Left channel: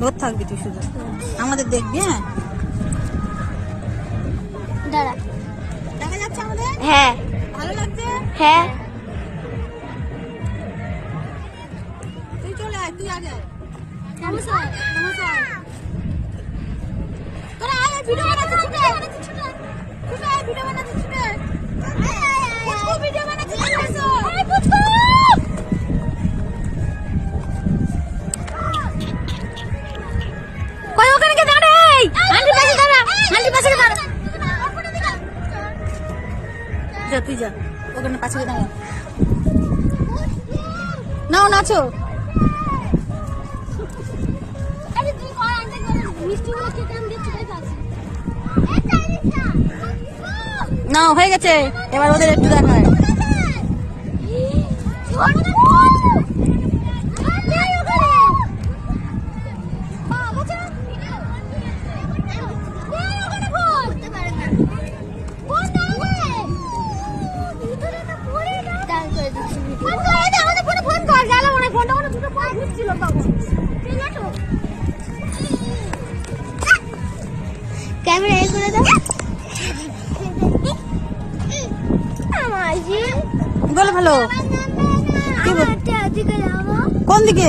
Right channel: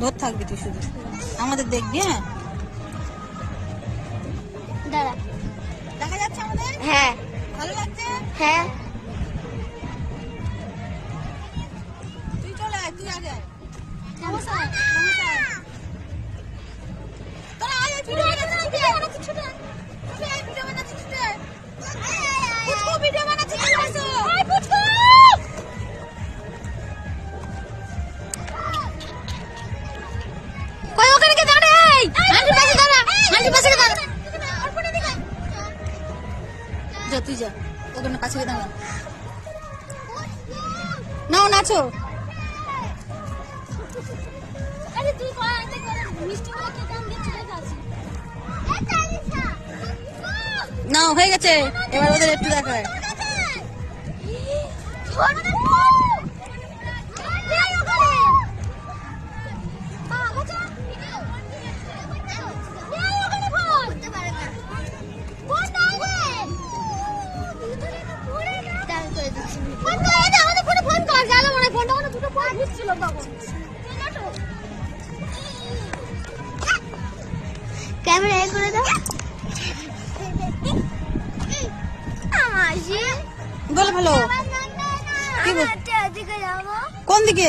ধর থাকবি তুই শুধু, আমাদের দেখবি। হ্যাঁ দাঁড়া, দেখা যাচ্ছে আমাদের? হ্যাঁ ভালো লাগছে? হ্যাঁ। তুই চলে আয়, তুই আগে আয়। তোরা আয়, ভিডিও বানাচ্ছি ছুটে। ছুটে আয়, ভিডিও বানাচ্ছি ছুটে। পুচকু ভিডিও বানাচ্ছি ছুটে। কই ওখানে কে দাঁড়া, এই আন্টির পাশে দাঁড়া, আন্টির পাশে দাঁড়া। যা তুই যা, ওখানে পাশে গিয়ে দাঁড়া। নাও নাচো। আরে তুই কই আন্টি মিষ্টি গুলো খেতে আমি দেখতে পাচ্ছি। নাও হয়ে গেছে, এবার ওদের একটু দেখায়। ক্যামেরা এ করে দাও। বলে ভালো। কি বল? দিকে যাবো। কোন দিকে?